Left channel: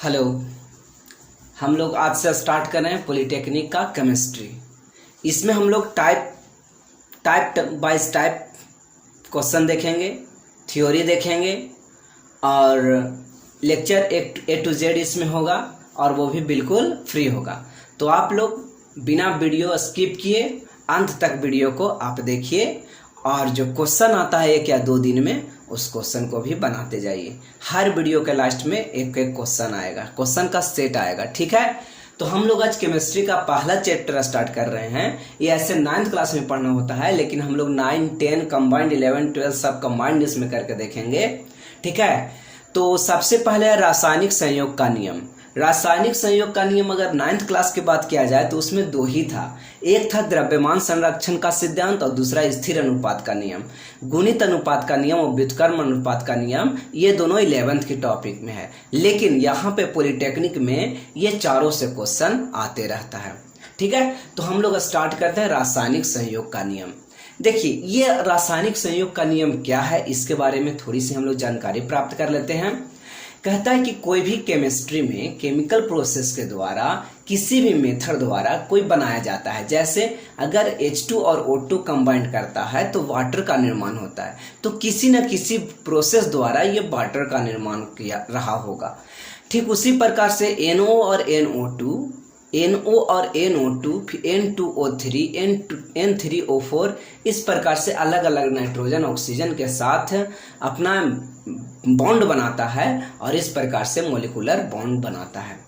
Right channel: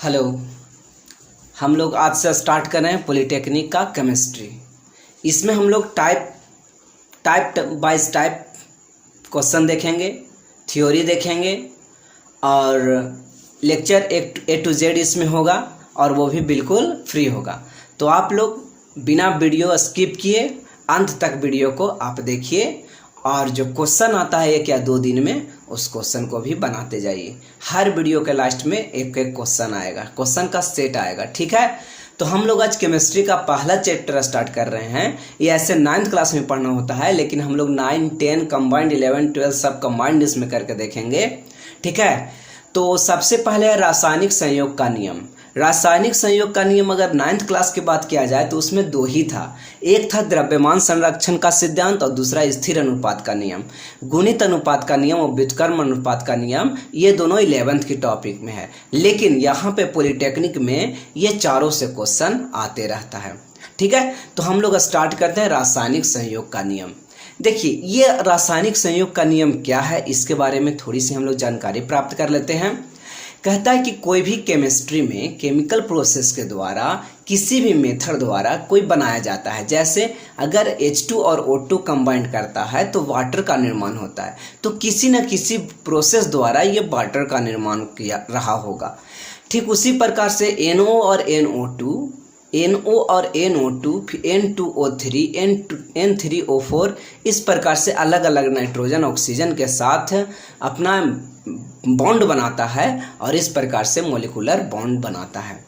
Hello. हम लोग आज से स्टार्ट कर रहे हैं पॉलिटेक्निक का केमिस्ट्री। इसमें हम लोग टाइप बाइज टाइप क्वेश्चन देखेंगे, थ्योरी देखेंगे और लेक्चर ए टू जेड इसमें होगा और वो भी बिल्कुल फ्री होगा। तो आप लोग बिना वीडियो स्किप किए अंत तक वीडियो को आप देखिए और जो क्वेश्चन आता है 1 या 2 दिन में उस क्वेश्चन को भी बनाते जाइए। हर वीडियो के लास्ट में एक एक क्वेश्चन आएगा, क्वेश्चन का सेट आएगा, ठीक है। तो हम लोग आज केमिस्ट्री का पहला चैप्टर स्टार्ट कर रहे हैं। ये ऐसे 9th क्लास में पढ़ना होता है, लेकिन हम लोग 9, 10 कंबाइंड 11, 12 सब कंबाइंड इसमें करके देखेंगे, ठीक है। तो सबसे पहले है रासायनिक संयोग का नियम। रासायनिक संयोग का नियम अगर 9th क्लास की बात किया जाए तो उसमें 2 ही था। एक था द्रव्यमान संरक्षण का सिद्धांत और दूसरा स्थिर अनुपात का नियम। गुणित अनुपात का नियम और व्युत्क्रम अनुपात का नियम ये दोनों 11th की टॉपिक में है, लेकिन यहाँ पे पॉलिटेक्निक में ये चारों से क्वेश्चन आते रहता है, ठीक है। तो हम लोग स्टार्ट करते हैं रासायनिक संयोग का नियम। देखिए, ये रासायनिक संयोग का नियम क्या है इसके बारे में थोड़ी सी हम लोग जानकारी प्राप्त कर लेते हैं। कहता है कि कोई भी केमिस्ट्री में केमिकल प्रोसेस के द्वारा किसी भी मेथड द्वारा कोई बनाया जाता है, जैसे अगर H2 और O2 कंबाइंड करता है तो वाटर का निर्माण होता है, तो किसी न किसी प्रोसेस द्वारा ये वाटर का निर्माण किया रहा होगा। ठीक उसी प्रकार से NO और NO2, NO और NO2, N2O3, N3O4 इस प्रकार से अलग अलग नाइट्रोजन ऑक्सीजन के साथ अपना बॉन्ड बनाता है और इस प्रकार से मॉलिक्यूलर बॉन्ड बनाता है।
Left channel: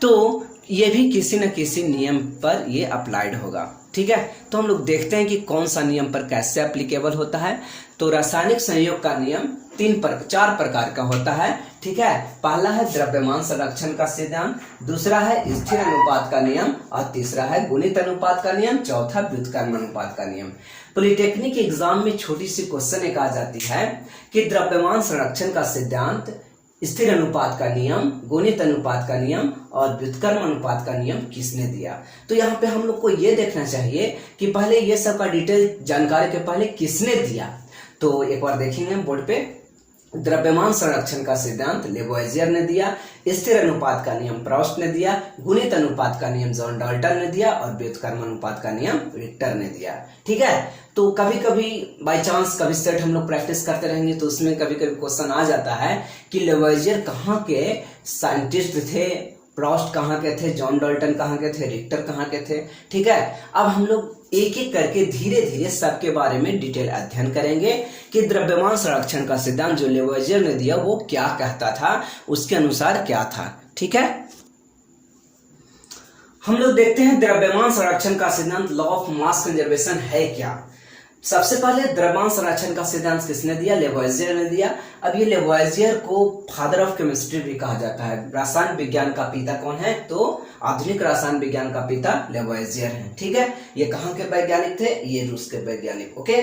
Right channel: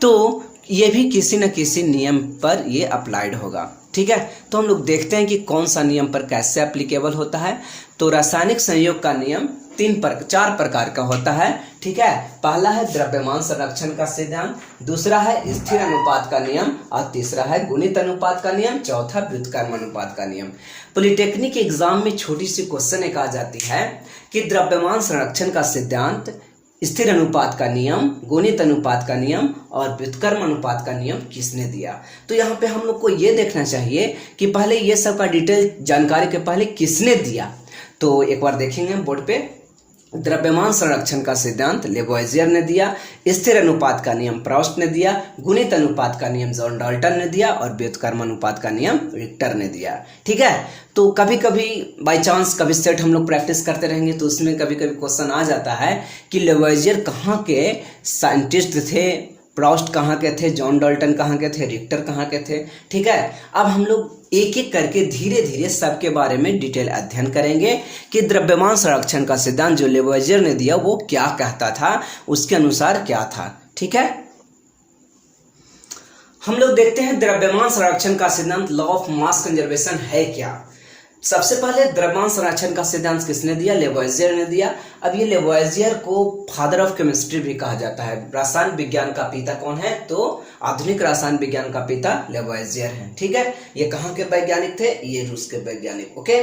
तो ये भी किसी न किसी नियम पर ये अप्लाइड होगा, ठीक है। तो हम लोग देखते हैं कि कौन सा नियम पर कैसे एप्लीकेबल होता है। तो रासायनिक संयोग का नियम 4 प्रकार का होता है, ठीक है। पहला है द्रव्यमान संरक्षण का सिद्धांत, दूसरा है स्थिर अनुपात का नियम और तीसरा है गुणित अनुपात का नियम, चौथा व्युत्क्रम अनुपात का नियम। पॉलिटेक्निक एग्जाम में छोटी सी क्वेश्चन एक आ जाती है कि द्रव्यमान संरक्षण का सिद्धांत, स्थिर अनुपात का नियम, गुणित अनुपात का नियम और व्युत्क्रम अनुपात का नियम किसने दिया। तो यहाँ पे हम लोग को ये देखना चाहिए कि पहले ये सब का डिटेल जानकारी के पहले किसने दिया। तो एक बार देखेंगे बोर्ड पे। द्रव्यमान संरक्षण का सिद्धांत लेवोइजियर ने दिया, स्थिर अनुपात का नियम प्रोस्ट ने दिया, गुणित अनुपात का नियम जॉन डाल्टन ने दिया और व्युत्क्रम अनुपात का नियम रिक्टर ने दिया, ठीक है। तो कभी कभी बाय चांस कभी सेट हम लोग प्रैक्टिस करते रहेंगे तो उसमें कभी कभी क्वेश्चन आ जाता है कि लेवोइजियर कहाँ के साइंटिस्ट थे, प्रोस्ट कहाँ के थे, जॉन डाल्टन कहाँ के थे, रिक्टर कहाँ के थे, ठीक है। अब हम लोग एक एक करके धीरे धीरे सबके बारे में डिटेल अध्ययन करेंगे कि द्रव्यमान संरक्षण का सिद्धांत जो लेवोइजियर ने दिया वो क्या कहता था, उसके अनुसार क्या था, ठीक है। हम लोग देखते हैं द्रव्यमान संरक्षण का सिद्धांत, लॉ ऑफ मास कंजर्वेशन है क्या। सबसे पहले द्रव्यमान संरक्षण का सिद्धांत किसने दिया, लेवोइजियर ने दिया। अब ये लेवोइजियर को फादर ऑफ केमिस्ट्री भी कहा जाता है। रसायन विज्ञान का पिता कौन है, तो आधुनिक रसायन विज्ञान का पिता लेवोइजियर है, ठीक है। ये कहाँ के वैज्ञानिक थे, ये रूस के वैज्ञानिक, ओके।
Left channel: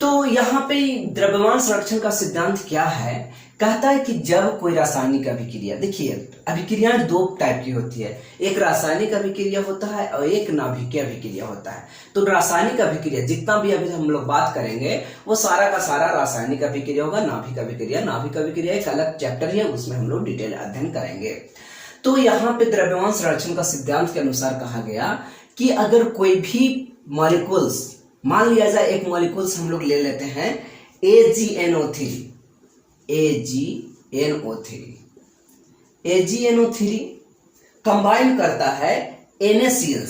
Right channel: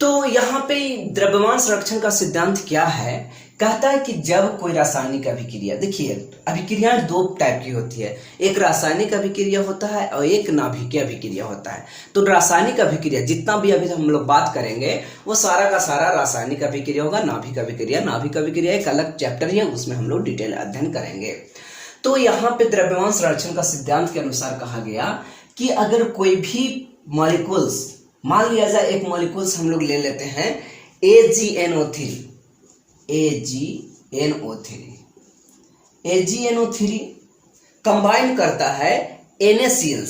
तो यहाँ पे द्रव्यमान संरक्षण का सिद्धांत क्या है, कहता है कि जब कोई रासायनिक अभिक्रिया, देखिए अभिक्रियाएं 2 टाइप की होती है, एक रासायनिक अभिक्रिया होता है और एक नाभिकीय अभिक्रिया होता है। तो रासायनिक अभिक्रिया जितना भी अभी हम लोग बात करेंगे वो सारा का सारा रासायनिक अभिक्रिया होगा। नाभिक अभिक्रिया एक अलग चैप्टर है, उसमें हम लोग डिटेल अध्ययन करेंगे। तो यहाँ पे द्रव्यमान संरक्षण का सिद्धांत के अनुसार कहा गया कि अगर कोई भी मॉलिक्यूल्स, मान लिया जाए एक मॉलिक्यूल्स हम लोग ले लेते हैं AgNO3 कंबाइन करता है NaCl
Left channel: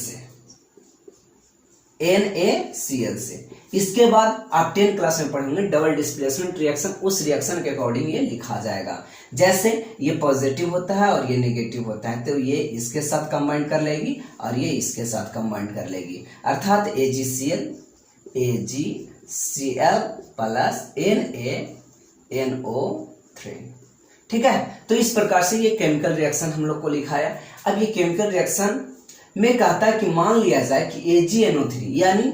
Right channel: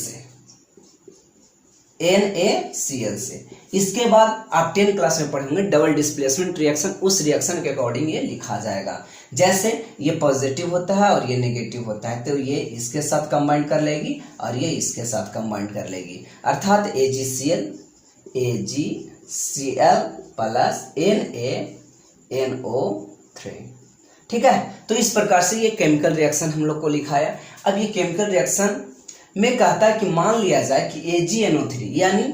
से। इसके बाद आप 10th क्लास में पढ़ेंगे डबल डिस्प्लेसमेंट रिएक्शन, उस रिएक्शन के अकॉर्डिंग ये लिखा जाएगा। जैसे ये पॉजिटिव होता है और ये नेगेटिव होता है, तो ये इसके साथ कंबाइन कर लेगी और ये इसके साथ कंबाइन कर लेगी, अर्थात AgCl प्लस NaNO3, ठीक है। तो इस प्रकार से ये केमिकल रिएक्शन हम लोग को लिखा है। अब ये केमिकल रिएक्शन में कहता है कि मान लिया जाए कि AgNO3 यानी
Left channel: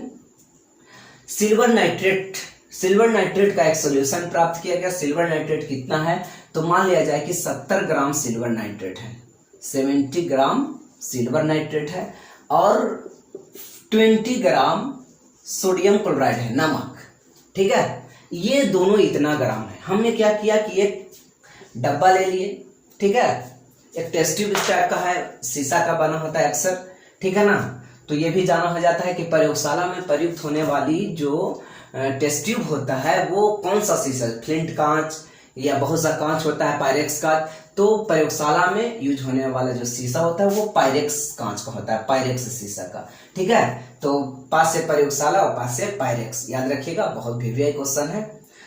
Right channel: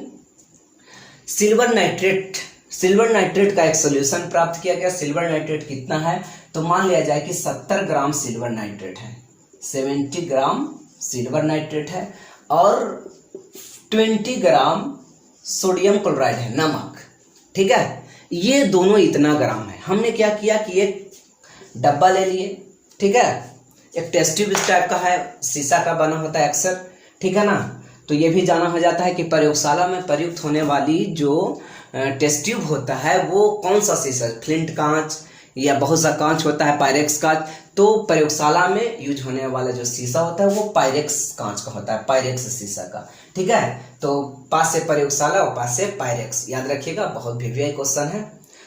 सिल्वर नाइट्रेट का एक सोल्यूशन प्राप्त किया गया। सिल्वर नाइट्रेट कितना है, तो मान लिया जाए कि 70 ग्राम सिल्वर नाइट्रेट है, 70 ग्राम सिल्वर नाइट्रेट है और 20 ग्राम सोडियम क्लोराइड है, नमक, ठीक है। ये दोनों इतना ग्राम है। हमने क्या किया कि एक डब्बा ले लिए, ठीक है, एक टेस्ट ट्यूब इस टाइप का है, शीशा का बना होता है अक्सर, ठीक है ना। तो ये भी जाना हो जाता है कि प्रयोगशाला में प्रयुक्त होने वाली जो टेस्ट ट्यूब होता है वो कौन सा शीशा, फ्लिंट कांच या बहुत सा कांच होता है, पायरेक्स कांच। तो प्रयोगशाला में यूज होने वाला जो शीशा होता है वो पायरेक्स कांच का होता है, पायरेक्स शीशा का, ठीक है। तो पास से प्रयोगशाला और पास से पायरेक्स, याद रखिएगा, बहुत वीवीआई क्वेश्चन है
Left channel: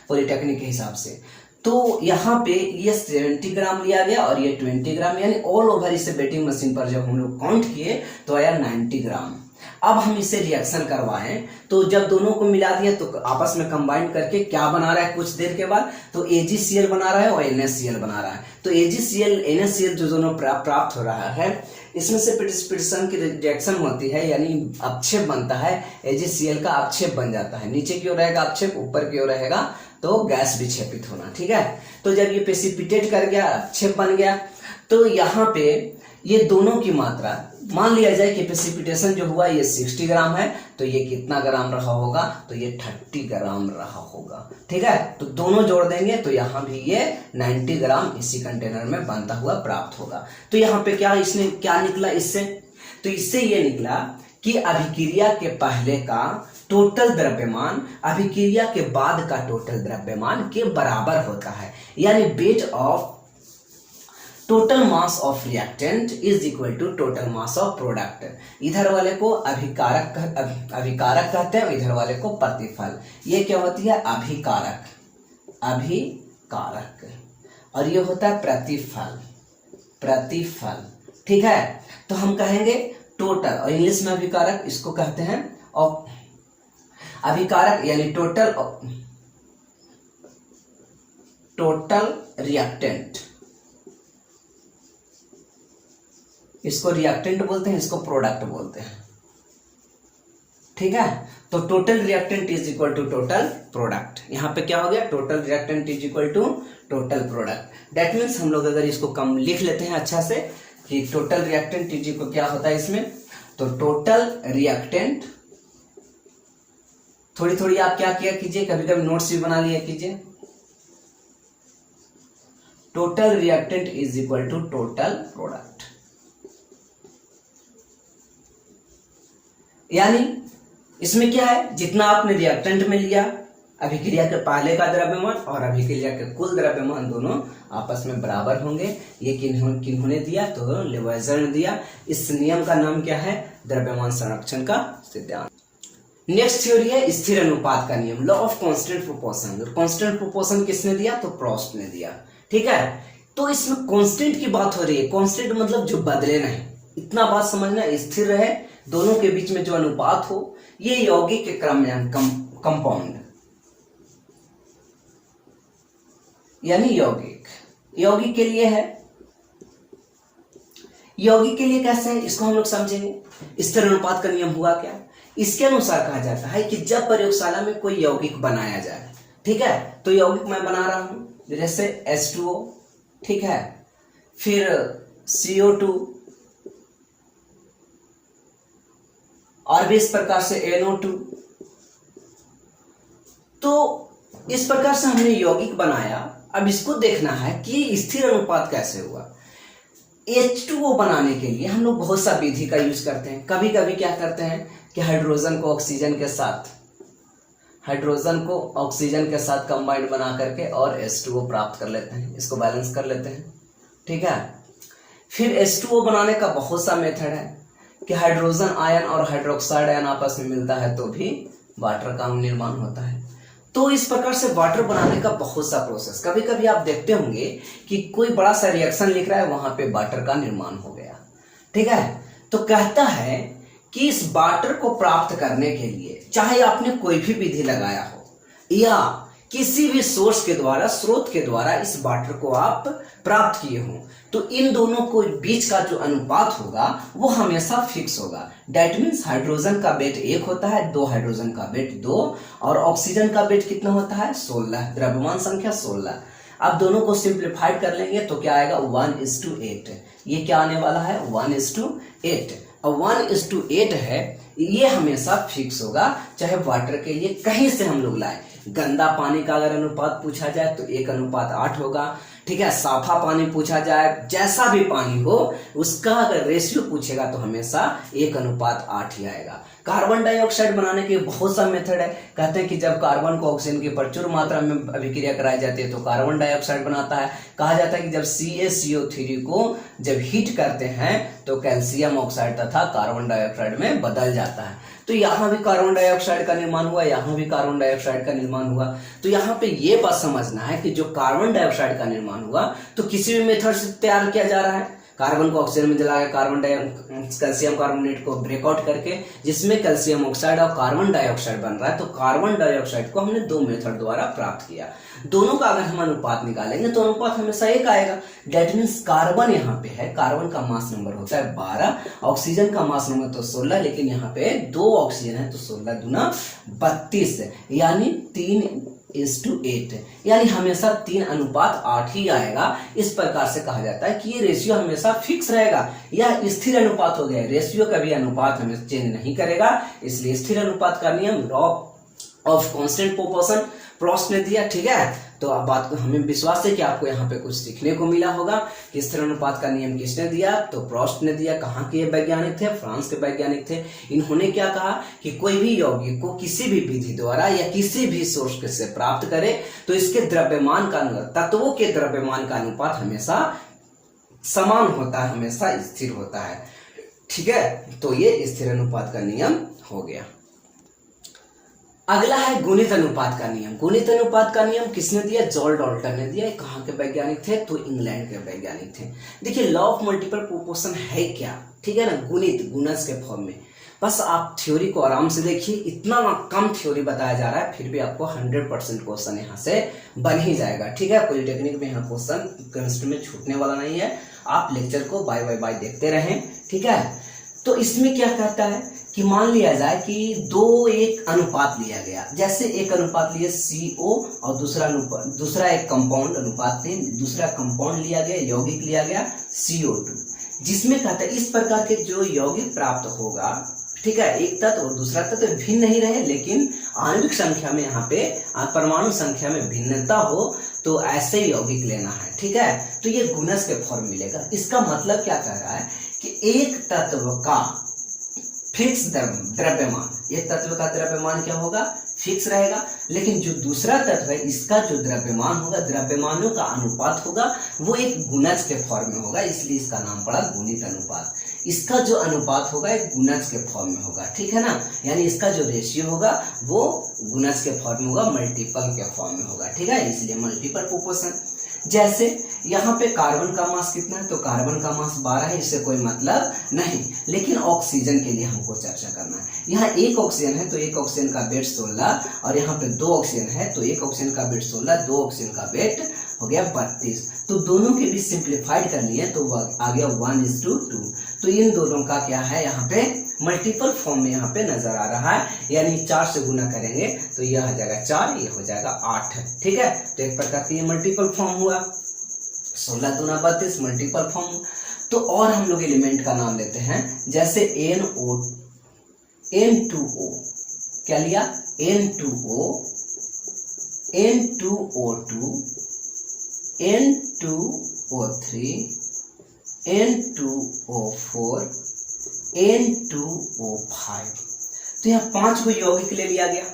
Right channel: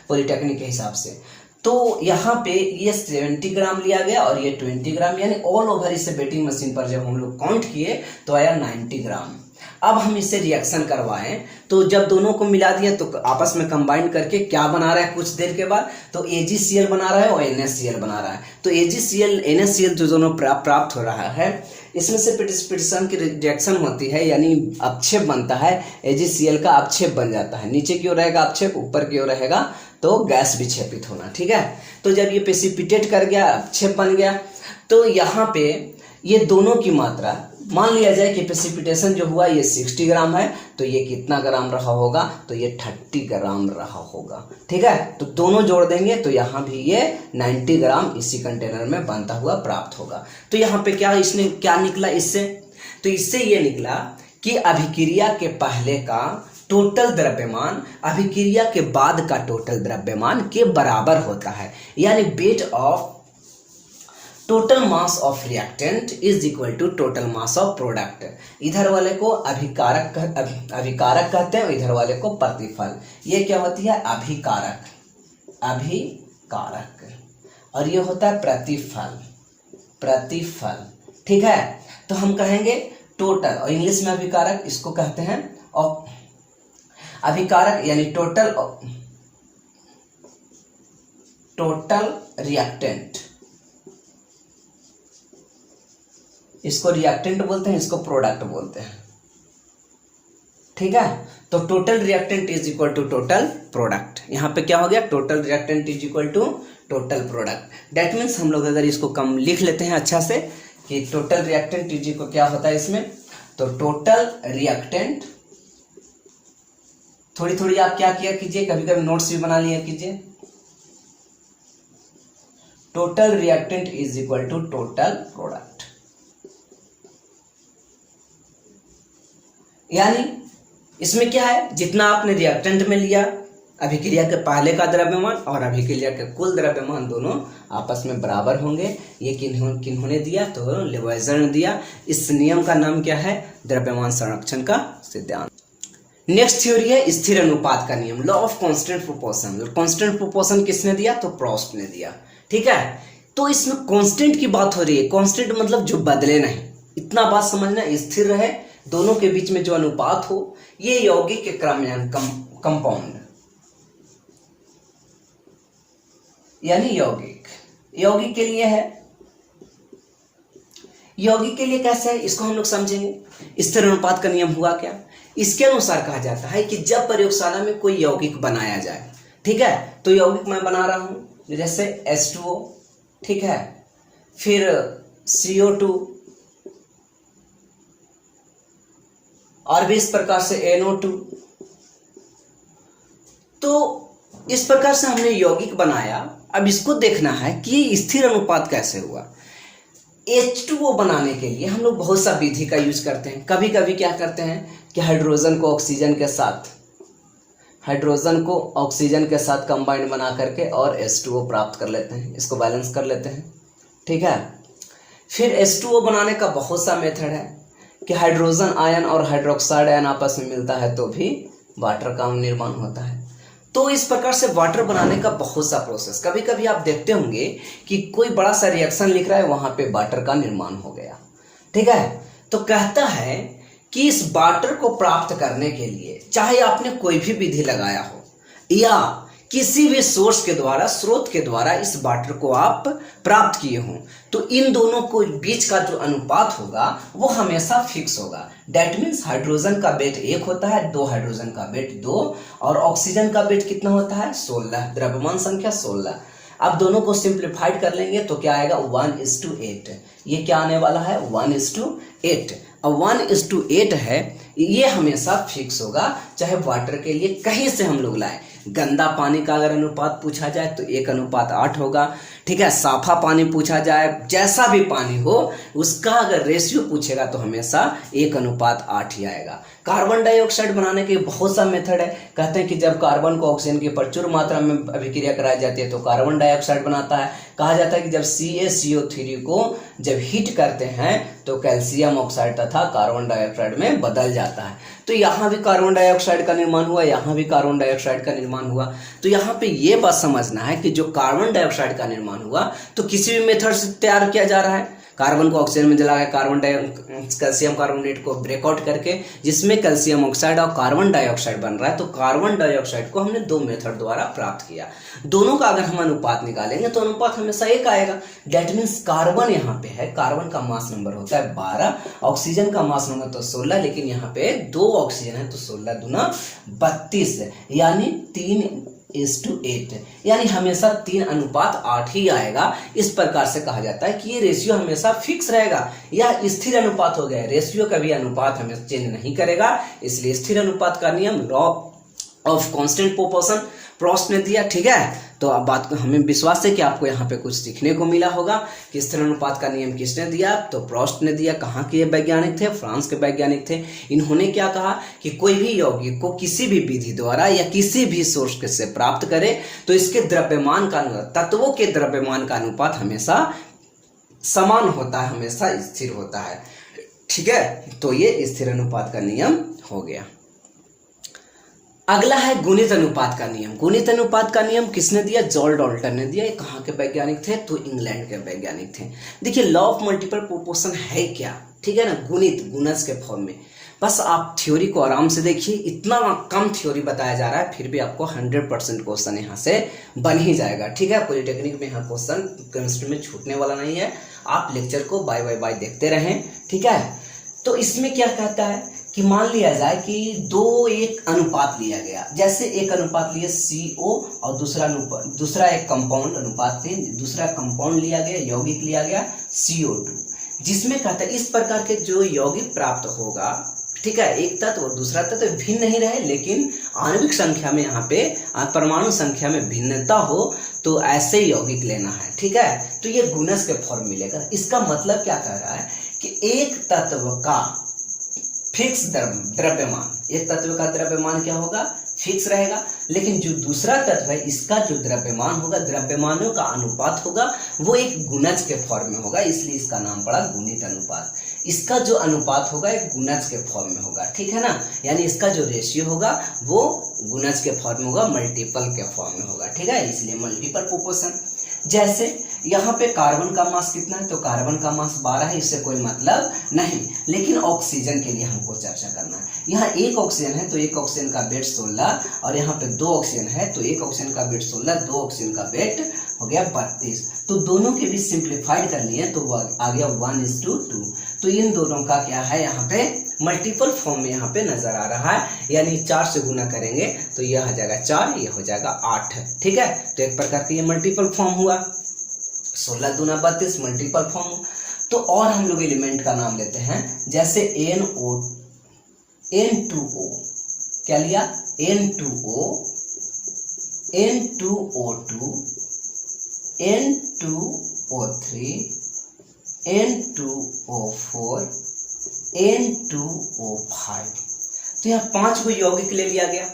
पॉलिटेक्निक के हिसाब से। तो यहाँ पे ये 70 ग्राम लिया गया और ये 20 ग्राम, यानी ऑल ओवर इसे बेटिंग मशीन पर जब हम लोग काउंट किए तो आया 90 ग्राम। अब हम इसे रिएक्शन करवाएं तो जब दोनों को मिला दिया तो आपस में कंबाइन करके क्या बना रहा है कुछ देर के बाद, तो AgCl बना रहा है और NaCl बना रहा है। तो AgCl NaCl जो दोनों प्राप्त हो रहा है, इसमें से प्रेसिपिटेशन की रिएक्शन होती है, यानी अपक्षेप बनता है। AgCl का अपक्षेप बन जाता है, नीचे की ओर रहेगा अपक्षेप, ऊपर की ओर रहेगा तो गैस विक्षेपित होना, ठीक है। तो जब ये प्रेसिपिटेट कर गया, अपक्षेप बन गया, तो यहाँ पे ये दोनों की मात्रा, मान लिया जाए कि प्रेसिपिटेशन जो हुआ ये 60 ग्राम है, तो ये कितना ग्राम रहा होगा, तो ये 30 ग्राम रहा होगा, ठीक है। तो दोनों जोड़ देंगे तो यहाँ भी ये 90 ग्राम इसी कंटेनर में बनता हुआ प्राप्त होगा। तो यहाँ पे क्या इसने क्या निकला इससे, तो इससे ये निकला कि अभिक्रिया के पहले का टोटल द्रव्यमान अभिक्रिया के बाद का टोटल द्रव्यमान के बराबर होता है, यानी weight of total mass of reactant is equal to total mass of product. इधर वाले को अभिकारक कहते हैं, इधर वाले को प्रतिफल। ये क्या होती है, अभिकारक, और ये होता है प्रतिफल, ठीक है। तो हम कहेंगे टोटल, और इंग्लिश में अभिकारक इसको कहते हैं, और अभिकारक यानी टोटल रिएक्टेंट, इसको रिएक्टेंट बोलते हैं, इसको प्रोडक्ट बोलते हैं, ठीक है। तो total reactant is equal to total product. यहाँ पे क्या हो गया, total reactant is equal to total product. That means हम लोग अगर इसको कम लिख लेते हैं अच्छा से कि टोटल रिएक्टेंट इज इक्वल, क्या होता है इसमें, तो टोटल रिएक्टेंट, थोड़ी थोड़ी आप क्या किया कीजिए, कभी कभी नोट्स भी बना लिया कीजिए। Total reactant is equal to total product, यानी इसमें क्या है, जितना आपने रिएक्टेंट में लिया, अभिक्रिया के पहले का द्रव्यमान और अभिक्रिया के कुल द्रव्यमान दोनों आपस में बराबर होंगे। ये किन्होंने दिया, तो लेवाइजर ने दिया। इस नियम का नाम क्या है, द्रव्यमान संरक्षण का सिद्धांत। नेक्स्ट थ्योरी है स्थिर अनुपात का नियम, law of constant proportion. Constant proportion किसने दिया, तो प्रोस्ट ने दिया, ठीक है। तो इसमें कांस्टेंट की बात हो रही है, कांस्टेंट मतलब जो बदले नहीं, इतना बात समझना, स्थिर रहे, दोनों के बीच में जो अनुपात हो, ये यौगिक के क्रम कंपाउंड, यानी यौगिक के लिए है। यौगिक के लिए कैसे है, इसको हम लोग समझेंगे। स्थिर अनुपात का नियम हुआ क्या, इसके अनुसार कहा जाता है कि जब प्रयोगशाला में कोई यौगिक बनाया जाए, ठीक है, तो यौगिक मैं बना रहा हूं जैसे H2O, ठीक है, फिर CO2 और भी इस प्रकार से NO2। तो इस प्रकार से हमने यौगिक बनाया। अब इसको देखना है कि स्थिर अनुपात कैसे हुआ। H2O बनाने के लिए हम लोग बहुत सा विधि का यूज करते हैं। कभी कभी क्या करते हैं कि हाइड्रोजन को ऑक्सीजन के साथ कंबाइन बना करके और H2O प्राप्त कर लेते हैं, इसको बैलेंस कर लेते हैं, ठीक है। फिर H2O बनाने का बहुत सा मेथड है कि हाइड्रोजन आयन और हाइड्रोक्साइड आयन आपस में मिलता है तो भी वाटर का निर्माण होता है। तो इस प्रकार से वाटर बनाने का बहुत सा प्रोसेस, कभी कभी आप देखते होंगे कि कोई बड़ा सा रिएक्शन लिख रहा है, वहां पे वाटर का निर्माण हो गया, ठीक है। तो कहता है कि इस वाटर को प्राप्त करने के लिए चाहे आपने कोई भी विधि लगाया हो या किसी भी सोर्स के द्वारा, स्रोत के द्वारा इस वाटर को आप प्राप्त किए हो, तो इन दोनों को बीच का जो अनुपात होगा वो हमेशा फिक्स होगा। दैट मीन्स हाइड्रोजन का वेट 1 होता है, 2 हाइड्रोजन का वेट 2, और ऑक्सीजन का वेट कितना होता है 16, द्रव्यमान संख्या 16। अब दोनों को सिंप्लीफाइड कर लेंगे तो क्या आएगा 1:8। ये क्या आने वाला है 1:8। अब 1:8 है, ये हमेशा फिक्स होगा, चाहे वाटर के लिए कहीं से हम लोग लाए। गंदा पानी का अगर अनुपात पूछा जाए तो 1:8 होगा, ठीक है, साफा पानी पूछा जाए, जैसा भी पानी हो उसका अगर रेशियो पूछेगा तो हमेशा 1:8 ही आएगा। कार्बन डाइऑक्साइड बनाने के बहुत सा मेथड है। कहते हैं कि जब कार्बन को ऑक्सीजन की प्रचुर मात्रा में अभिक्रिया कराई जाती है तो कार्बन डाइऑक्साइड बनता है। कहा जाता है कि जब CaCO3 को जब हीट करते हैं तो कैल्शियम ऑक्साइड तथा कार्बन डाइऑक्साइड में बदल जाता है। तो यहाँ भी कार्बन डाइऑक्साइड का निर्माण हुआ, यहाँ भी कार्बन डाइऑक्साइड का निर्माण हुआ। तो यहाँ पे ये बात समझना है कि जो कार्बन डाइऑक्साइड का निर्माण हुआ तो किसी भी मेथड से तैयार किया जा रहा है। कार्बन को ऑक्सीजन में जला के कैल्शियम कार्बोनेट को ब्रेकआउट करके जिसमें कैल्शियम ऑक्साइड और कार्बन डाइऑक्साइड बन रहा है। तो कार्बन डाइऑक्साइड को हमने 2 मेथड द्वारा प्राप्त किया। दोनों का अगर हम अनुपात निकालेंगे तो अनुपात हमेशा 1 आएगा। डेट मीन्स कार्बन यहाँ पे है, कार्बन का मास नंबर होता है 12, ऑक्सीजन का मास नंबर तो 16, लेकिन यहाँ पे 2 ऑक्सीजन है तो 16 दूना 32 है, यानी 3:8, यानी हमेशा 3:8 ही आएगा। इस प्रकार से कहा जाता है कि ये रेशियो हमेशा फिक्स रहेगा या स्थिर अनुपात हो गया। रेशियो का भी अनुपात हमें चेंज नहीं करेगा, इसलिए स्थिर अनुपात का नियम law of constant proportion Proust ने दिया। ठीक है, तो अब बात को हमें विश्वास है कि आपको यहाँ पे कुछ सीखने को मिला होगा कि स्थिर अनुपात का नियम किसने दिया, तो प्रॉस्ट ने दिया। कहाँ के वैज्ञानिक थे, फ्रांस के वैज्ञानिक थे। इन्होंने क्या कहा कि कोई भी यौगिक को किसी भी विधि द्वारा या किसी भी सोर्स से प्राप्त करे तो इसके द्रव्यमान का, तत्वों के द्रव्यमान का अनुपात हमेशा समान होता है, हमेशा स्थिर होता है। ठीक है, तो ये स्थिर अनुपात का नियम हो गया। अगला है गुणित अनुपात का नियम। गुणित अनुपात का नियम किसने दिया, जॉर्ज डाल्टन ने दिया। ये कहाँ के वैज्ञानिक थे, तो इंग्लैंड के वैज्ञानिक थे। देखिए लॉ ऑफ मल्टीपल प्रोपोर्शन है क्या, ठीक है ना, गुणित, गुणज के फॉर्म में। बस आप थ्योरी को आराम से देखिए, इतना कम थ्योरी बताया जा रहा है फिर भी आपको 100% क्वेश्चन यहाँ से बन ही जाएगा। ठीक है, पॉलिटेक्निक में यहाँ क्वेश्चन केमिस्ट्री में छूटने वाला नहीं है। आप लेक्चर को बाय देखते रहें। ठीक है, तो इसमें क्या कहता है कि मान लिया जाए कि 2:1 अनुपात लिया गया। जैसे एक अनुपात लिए CO और दूसरा एक कंपाउंड अनुपात थे, दूसरा कंपाउंड लिया गया, यौगिक लिया गया CO2, जिसमें कहता है इस प्रकार के जो यौगिक प्राप्त होगा, ठीक है, एक तत्व और दूसरा तत्व भिन्न नहीं रहे लेकिन आणविक संख्या में, यहाँ पे परमाणु संख्या में भिन्नता हो, तो ऐसे यौगिक लेना है। ठीक है, तो ये गुणज के फॉर्म मिलेगा। इसका मतलब क्या कह रहा है कि एक तत्व का फिक्स द्रव्यमान, एक तत्व का द्रव्यमान क्या होगा, फिक्स रहेगा, लेकिन जो दूसरा तत्व है इसका जो द्रव्यमान होगा, द्रव्यमानों का अनुपात होगा, वो एक गुणज के फॉर्म में होगा, इसलिए इसका नाम पड़ा गुणित अनुपात। इसका जो अनुपात होगा एक गुणज के फॉर्म में होगा। ठीक है ना, यानी इसका जो रेशियो होगा वो गुणज के फॉर्म में होगा, मल्टीपल के फॉर्म में होगा। ठीक है, इसलिए मल्टीपल प्रोपोर्शन। जैसे यहाँ पे कार्बन का मास कितना है, तो कार्बन का मास 12 है, इससे कोई मतलब नहीं, लेकिन ऑक्सीजन के लिए हमको चर्चा करना है। यहाँ एक ऑक्सीजन है तो एक ऑक्सीजन का वेट 16, और यहाँ पे 2 ऑक्सीजन है तो एक ऑक्सीजन का वेट 16, 2 ऑक्सीजन का वेट हो गया 32। तो दोनों के बीच सिंप्लीफाइड कर लिए तो आ गया 1:2। तो इन दोनों का क्या है, यहाँ पे मल्टीपल फॉर्म में यहाँ पे नजर आ रहा है, यानी 4 से गुना करेंगे तो यह हो जाएगा 4, ये हो जाएगा 8। ठीक है, तो एक प्रकार की ये मल्टीपल फॉर्म हुआ, 16 दूना 32 मल्टीपल फॉर्म। तो और हम लोग एलिमेंट का नाम लेते हैं, जैसे N2O, क्या लिया, N2O, N2O2, N2O3, N2O4, N2O5। तो यहाँ 5 को यौगिक ले लिया गया।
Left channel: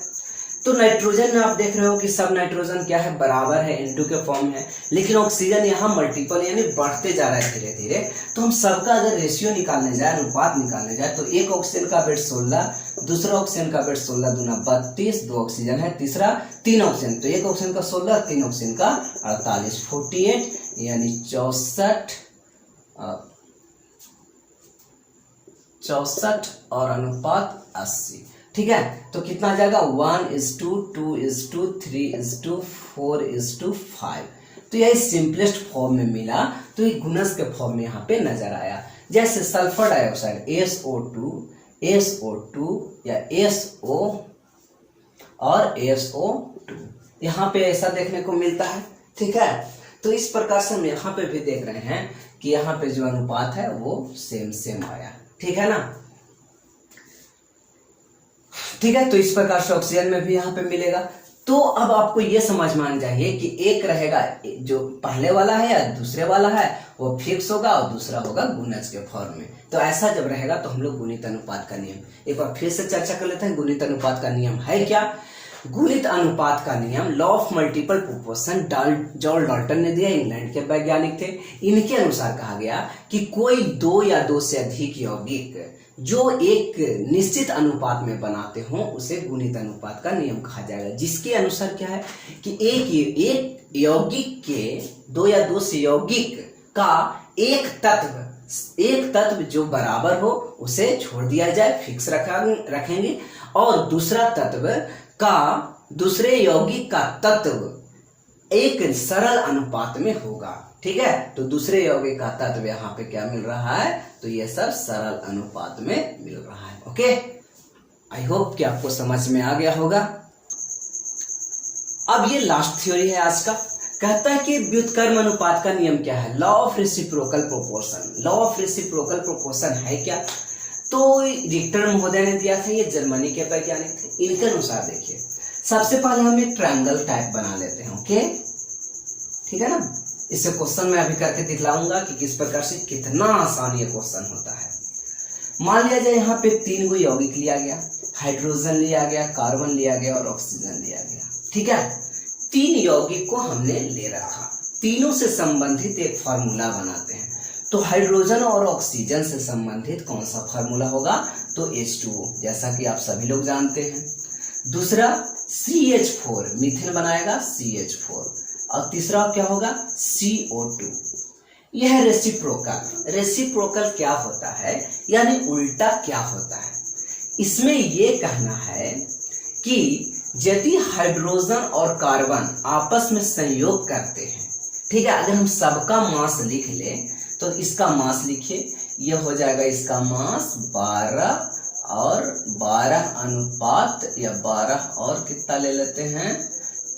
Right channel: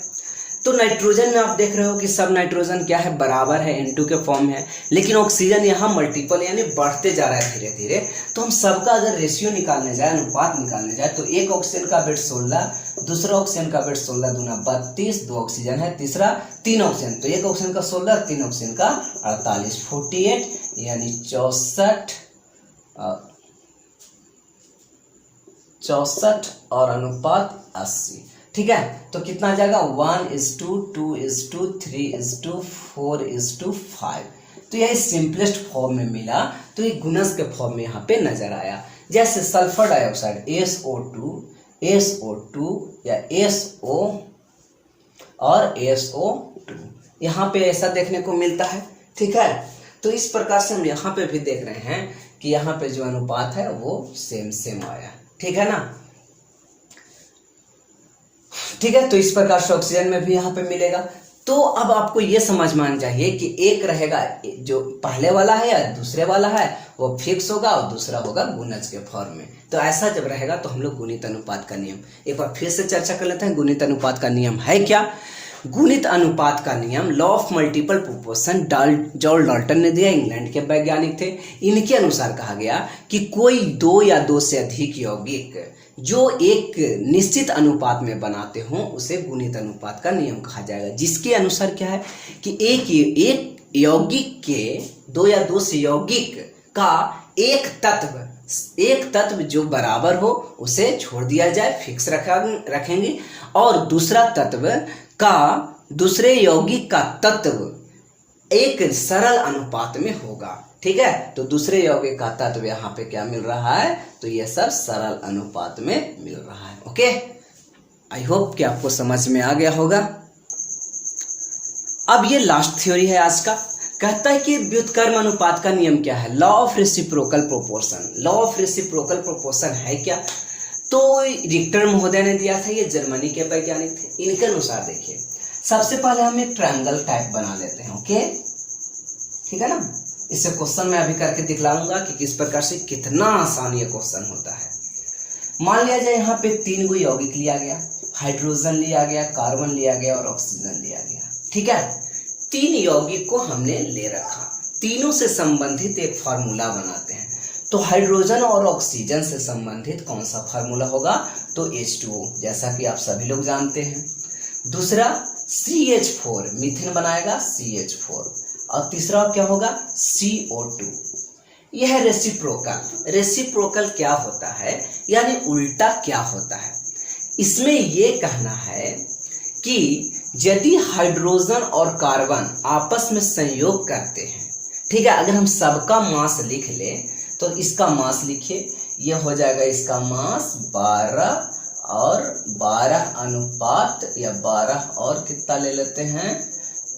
तो नाइट्रोजन में आप देख रहे हो कि सब नाइट्रोजन क्या है, बराबर है, N2 के फॉर्म है, लेकिन ऑक्सीजन यहाँ मल्टीपल यानी बढ़ते जा रहा है धीरे धीरे। तो हम सबका अगर रेशियो निकालने जाए, अनुपात निकालने जाए, तो एक ऑक्सीजन का वेट 16, दूसरा ऑक्सीजन का वेट 16 दूना 32, 2 ऑक्सीजन है, तीसरा 3 ऑक्सीजन, तो एक ऑक्सीजन का 16, 3 ऑक्सीजन का 48, 48 यानी 64 और अनुपात 80। ठीक है, तो कितना आ जाएगा, 1:2, 2:2, 3:4, 4:5। तो यही सिंपलेस्ट फॉर्म में मिला, तो ये गुणज के फॉर्म में यहाँ पे नजर आया। जैसे सल्फर डाइऑक्साइड SO2 या SO और SO2, यहाँ पे ऐसा देखने को मिलता है। ठीक है, तो इस प्रकार से हम यहाँ पे भी देख रहे हैं कि यहाँ पे जो अनुपात है वो सेम आया। ठीक है ना, ठीक है, तो इस प्रकार से ऑक्सीजन में भी यहाँ पे मिलेगा। तो अब आपको ये समझ में आना चाहिए कि एक रहेगा जो पहले वाला है या दूसरे वाला है वो फिक्स होगा और दूसरा होगा गुणज के फॉर्म में। तो ऐसा जब रहेगा तो हम लोग गुणित अनुपात का नियम एक बार फिर से चर्चा कर लेते हैं। गुणित अनुपात का नियम है क्या? गुणित अनुपात का नियम law of multiple proportion George Dalton ने दिया, इंग्लैंड के वैज्ञानिक थे। इनके अनुसार कहा गया कि कोई दो या दो से अधिक यौगिक जो एक निश्चित अनुपात में बनाते हों उसे गुणित अनुपात का नियम कहा जाएगा। जिसके अनुसार क्या है कि एक यौगिक के दो या दो से यौगिक का एक तत्व जो बराबर हो उसे छोड़ दिया जाए, फिक्स रखेंगे, और दूसरा तत्व का दूसरे यौगिक का तत्व एक सरल अनुपात में होगा। ठीक है, तो दूसरे यौगिक का तत्व यहाँ पे क्या मिल रहा है? तो ये सब सरल अनुपात में मिल रहा है। ओके, आई होप कि आपको समझ में आ गया होगा। अब ये लास्ट थ्योरी है आज का। कहता है कि व्युत्क्रम अनुपात का नियम क्या है? Law of reciprocal proportion. Law of reciprocal proportion है क्या? तो रिक्टर महोदय ने दिया था, ये जर्मनी के वैज्ञानिक थे। इनके अनुसार देखिए, सबसे पहले हम एक ट्रायंगल टाइप बना लेते हैं। ओके, ठीक है ना। इससे क्वेश्चन मैं अभी करके दिखलाऊंगा कि किस प्रकार से कितना आसान ये क्वेश्चन होता है। मान लिया जाए यहाँ पे 3 गो यौगिक लिया गया, हाइड्रोजन लिया गया, कार्बन लिया गया और ऑक्सीजन लिया गया। ठीक है, 3 यौगिक को हमने ले रखा, तीनों से संबंधित एक फार्मूला बनाते हैं। तो हाइड्रोजन और ऑक्सीजन से संबंधित कौन सा फार्मूला होगा? तो H2O, जैसा कि आप सभी लोग जानते हैं। दूसरा CH4, मीथेन बनाएगा CH4, और तीसरा क्या होगा? CO2। यह है रेसिप्रोकल। रेसिप्रोकल क्या होता है, यानी उल्टा क्या होता है? इसमें यह कहना है कि यदि हाइड्रोजन और कार्बन आपस में संयोग करते हैं, ठीक है, अगर हम सबका मास लिख ले तो इसका मास लिखिए, यह हो जाएगा इसका मास 12 और 12 अनुपात या 12 और कितना ले लेते हैं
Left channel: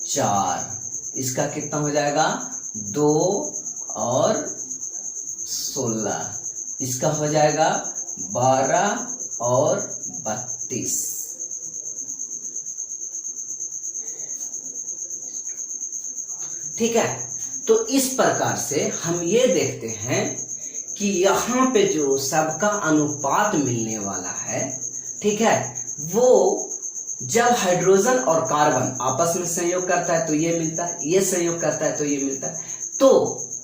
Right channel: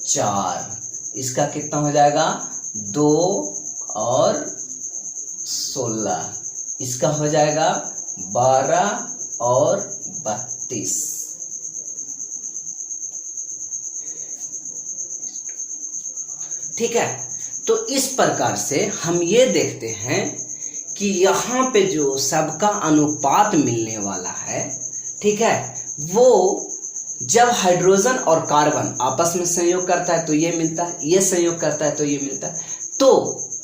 4, इसका कितना हो जाएगा 2 और 16, इसका हो जाएगा 12 और 32। ठीक है, तो इस प्रकार से हम ये देखते हैं कि यहाँ पे जो सबका अनुपात मिलने वाला है, ठीक है, वो जब हाइड्रोजन और कार्बन आपस में संयोग करता है तो ये मिलता है, ये संयोग करता है तो ये मिलता है। तो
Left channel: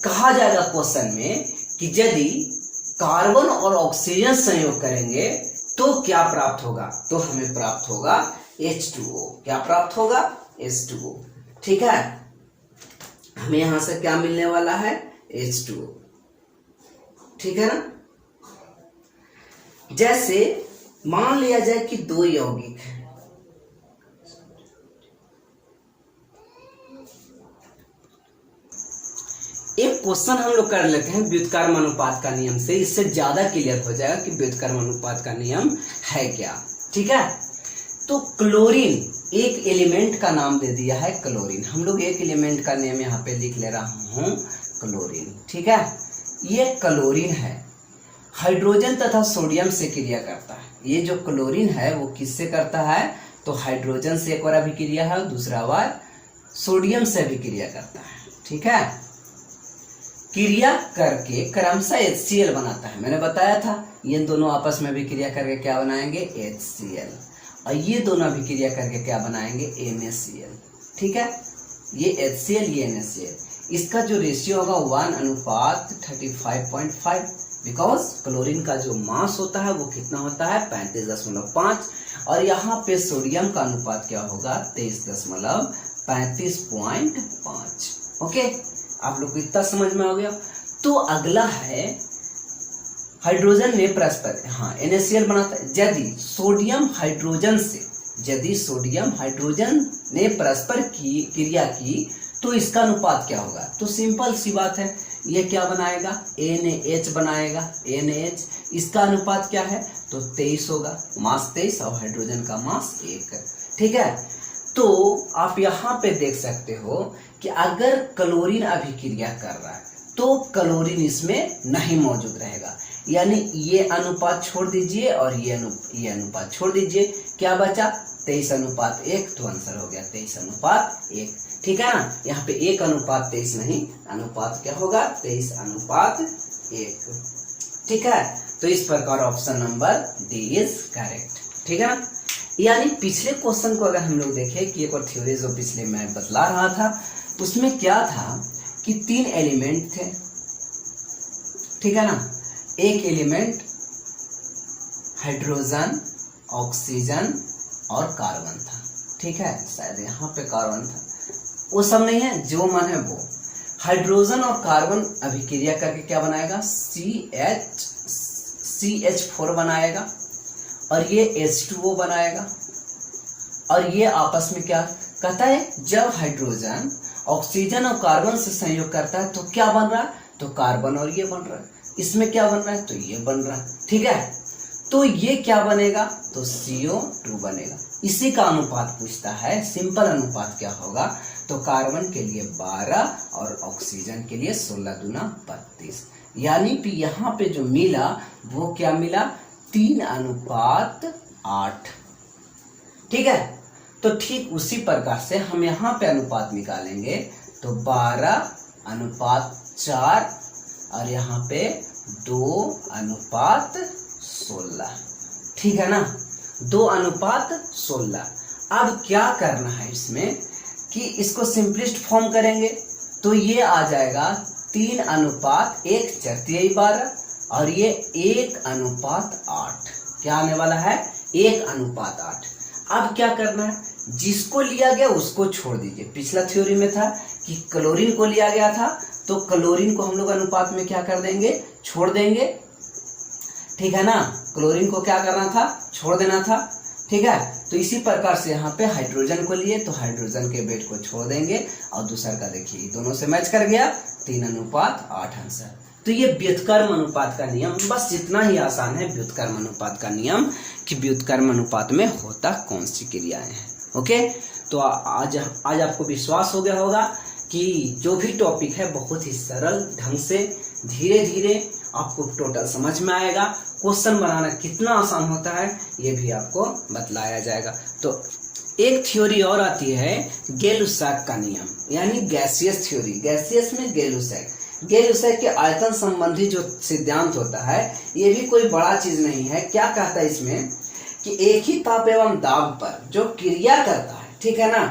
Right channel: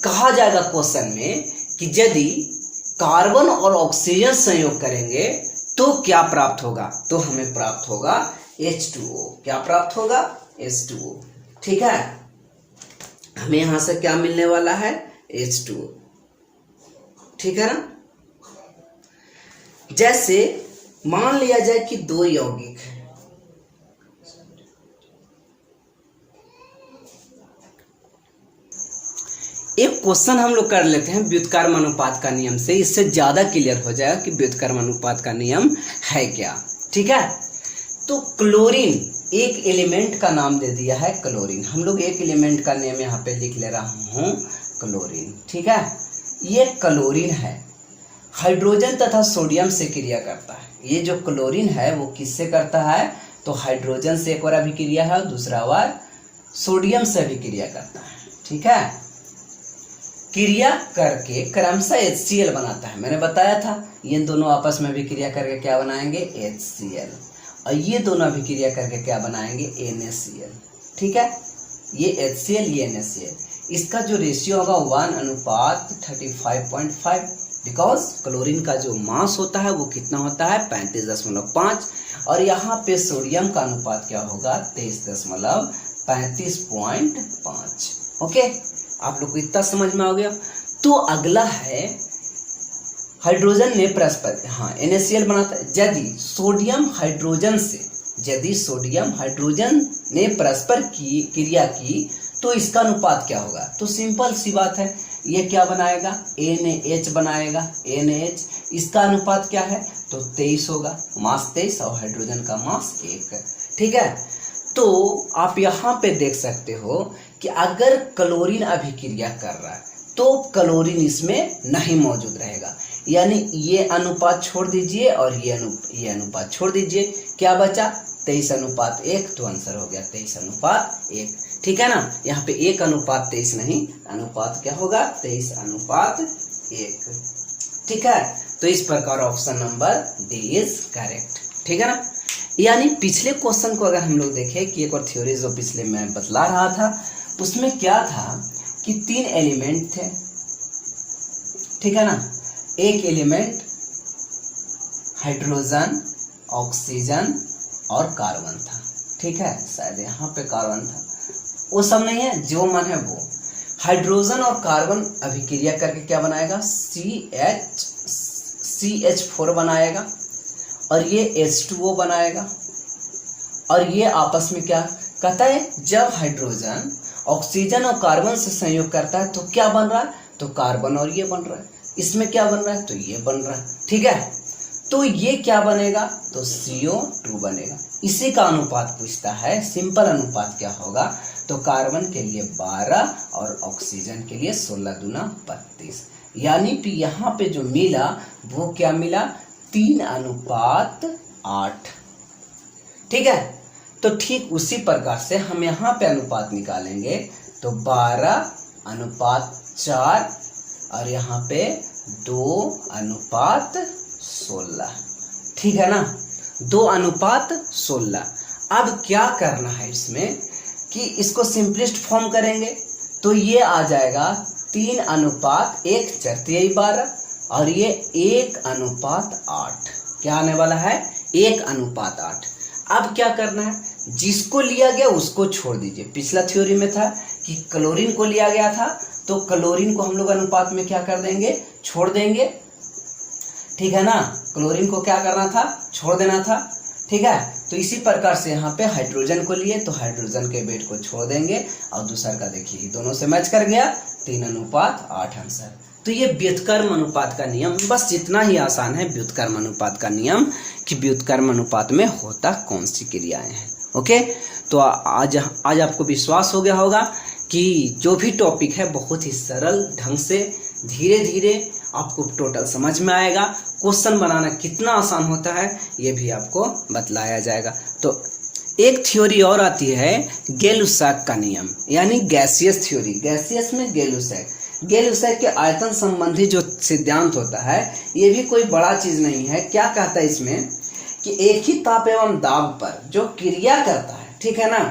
कहा जाएगा क्वेश्चन में कि यदि कार्बन और ऑक्सीजन संयोग करेंगे तो क्या प्राप्त होगा? तो हमें प्राप्त होगा H2O। क्या प्राप्त होगा? H2O। ठीक है, हमें यहां से क्या मिलने वाला है? H2O। ठीक है ना। जैसे मान लिया जाए कि 2 यौगिक हैं, एक क्वेश्चन हम लोग कर लेते हैं व्युत्क्रम अनुपात का नियम से, इससे ज्यादा क्लियर हो जाएगा कि व्युत्क्रम अनुपात का नियम है क्या। ठीक है, तो क्लोरीन एक एलिमेंट का नाम दे दिया है क्लोरीन। हम लोग एक एलिमेंट का नेम यहाँ पे लिख ले रहा हूँ क्लोरीन। ठीक है, ये क्लोरीन है, हाइड्रोजन तथा सोडियम से क्रिया करता है। ये जो क्लोरीन है वो किससे करता है? तो हाइड्रोजन से एक बार अभिक्रिया है और दूसरा बार सोडियम से अभिक्रिया करता है। ठीक है, क्रिया करके क्रमशः HCl बनाता है। मैंने बताया था ये दोनों आपस में अभिक्रिया करके क्या बनाएंगे? HCl। और ये दोनों अभिक्रिया करके क्या बनाएंगे? NaCl। ठीक है, ये HCl, ये NaCl, इसका जो रेशियो होगा 1:35.5, बिकॉज क्लोरीन का जो मास होता है वो कितना होता है? 35.5, और यहाँ पे सोडियम का अनुपात क्या होगा? 23.35.5। ओके, आप लोग को इतना समझ में आ गया। तो अगला है हाइड्रोजन ने परस्पर, हाँ, NaCl बनाता है। यदि सोडियम हाइड्रोजन ने परस्पर की क्रिया की तो इसका अनुपात क्या होगा? तो सिंपल सी बात है, ये क्या बनाएगा? NaH बनाएगा। NaH, इसका अनुपात क्या है? तो 23 होगा, मास 23 और हाइड्रोजन का मास 1। ठीक है, तो आप यहाँ पे देख सकते हो कि अगर क्लोरीन अभिक्रिया कर रहा है तो क्लोरीन इसमें नहीं मौजूद रहेगा, यानी ये अनुपात छोड़ दीजिए और ये अनुपात छोड़ दीजिए, क्या बचा? 23:1, तो आंसर हो गया 23:1। ठीक है ना, यहाँ पे 1:23 नहीं, अनुपात क्या होगा 23:1। ठीक है, तो इस प्रकार option number D is correct. ठीक है ना, यानी पिछले क्वेश्चन को अगर हम लोग देखें कि एक और थ्योरी जो पिछले मैं बतला रहा था, उसमें क्या था कि 3 एलिमेंट थे। ठीक है ना, एक एलिमेंट हाइड्रोजन, ऑक्सीजन और कार्बन था। ठीक है, शायद यहाँ पे कार्बन था, वो सब नहीं है, जो मन है वो। हाइड्रोजन और कार्बन अभिक्रिया करके क्या बनाएगा, CH4 बनाएगा, और ये H2O बनाएगा। और ये आपस में क्या कहता है, जब हाइड्रोजन ऑक्सीजन और कार्बन से संयोग करता है तो क्या बन रहा है, तो कार्बन और ये बन रहा है। इसमें क्या बन रहा है, तो ये बन रहा है। ठीक है, तो ये क्या बनेगा, तो CO2 बनेगा। इसी का अनुपात पूछता है, सिंपल अनुपात क्या होगा, तो कार्बन के लिए 12 और ऑक्सीजन के लिए 16 दूना 32। यानी कि यहाँ पे जो मिला वो क्या मिला, 3:8। ठीक है, तो ठीक उसी प्रकार से हम यहाँ पे अनुपात निकालेंगे, तो 12:4 और यहाँ पे 2:16। ठीक है ना, 2:16। अब क्या करना है इसमें कि इसको सिंपलेस्ट फॉर्म करेंगे, तो ये आ जाएगा 3:1/12 और ये 1:8। क्या आने वाला है, 1:8। अब क्या करना है, जिसको लिया गया उसको छोड़ दीजिए। पिछला थ्योरी में था कि क्लोरीन को लिया गया था, तो क्लोरीन को हम लोग अनुपात में क्या कर देंगे, छोड़ देंगे। ठीक है ना, क्लोरीन को क्या करना था, छोड़ देना था। ठीक है, तो इसी प्रकार से यहाँ पे हाइड्रोजन को लिए तो हाइड्रोजन के वेट को छोड़ देंगे, और दूसरा का देखिए दोनों से मैच कर गया, 3:8 आंसर। तो ये व्युत्क्रम अनुपात का नियम, बस इतना ही आसान है व्युत्क्रम अनुपात का नियम, कि व्युत्क्रम अनुपात में होता कौन सी क्रियाएं हैं। ओके, तो आज आपको विश्वास हो गया होगा कि जो भी टॉपिक है बहुत ही सरल ढंग से धीरे धीरे आपको टोटल समझ में आएगा। क्वेश्चन बनाना कितना आसान होता है ये भी आपको बतलाया जाएगा। तो एक थ्योरी और आती है गै-लुसाक का नियम, यानी गैसियस थ्योरी। गैसियस में गै-लुसाक, गै-लुसाक के आयतन संबंधी जो सिद्धांत होता है, ये भी कोई बड़ा चीज नहीं है। क्या कहता है इसमें कि एक ही ताप एवं दाब पर जो क्रिया करता है, ठीक है ना,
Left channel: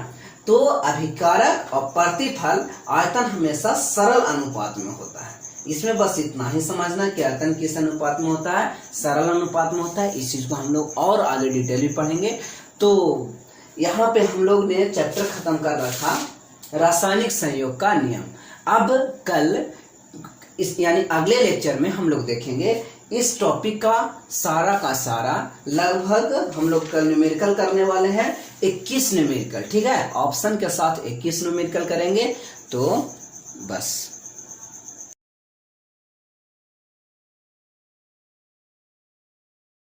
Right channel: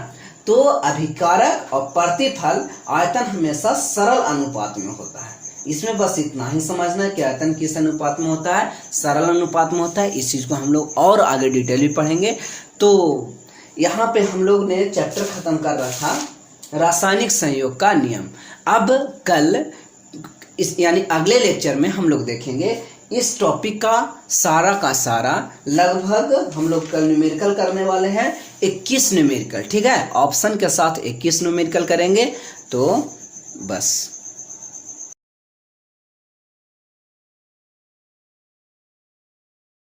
तो अभिकारक और प्रतिफल आयतन हमेशा सरल अनुपात में होता है। इसमें बस इतना ही समझना कि आयतन किस अनुपात में होता है, सरल अनुपात में होता है। इस चीज को हम लोग और आगे डिटेल में पढ़ेंगे। तो यहाँ पे हम लोग ने चैप्टर खत्म कर रखा रासायनिक संयोग का नियम। अब कल इस यानी अगले लेक्चर में हम लोग देखेंगे इस टॉपिक का सारा लगभग हम लोग कल न्यूमेरिकल करने वाले हैं 21 न्यूमेरिकल। ठीक है, ऑप्शन के साथ 21 न्यूमेरिकल करेंगे। तो बस